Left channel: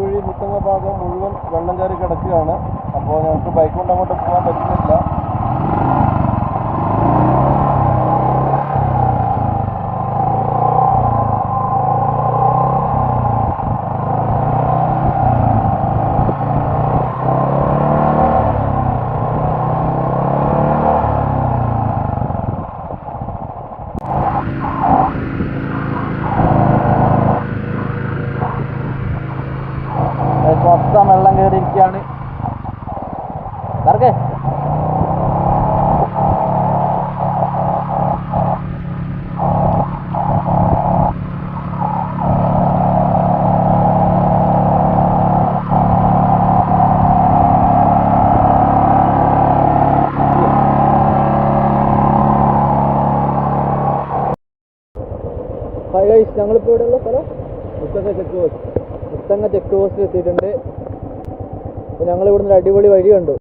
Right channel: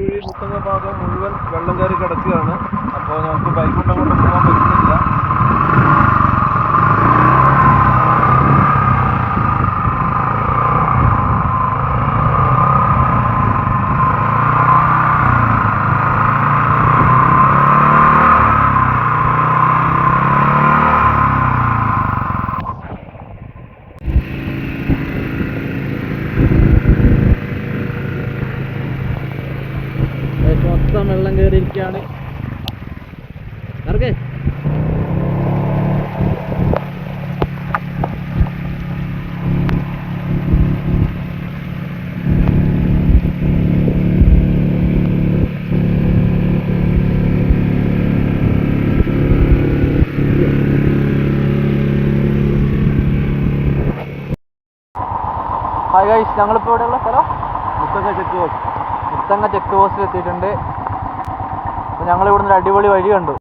നെടുമ്പുഴി മുത്തങ്ങ ഭാഗം മുഴുവൻ വെള്ളം കയറി കിടക്കുകയാണ്. അപ്പോൾ നമുക്ക് ബൈക്ക് കൊണ്ട് അങ്ങോട്ട് പോകാൻ പറ്റുന്നില്ല. മൊത്തം വെള്ളം കയറിയിരിക്കുകയാണ്. കറക്കേ ഹായ് ഗൈസ്, ഞങ്ങളിപ്പോൾ ഇവിടെയുള്ള സ്ഥലം മുത്തങ്ങ ചെക്ക് പോസ്റ്റ് എത്തിയിട്ടുണ്ട്. അപ്പോൾ ഞങ്ങൾ ഇവിടുന്ന് ഒരു അടിപൊളി വഴി കണ്ടു.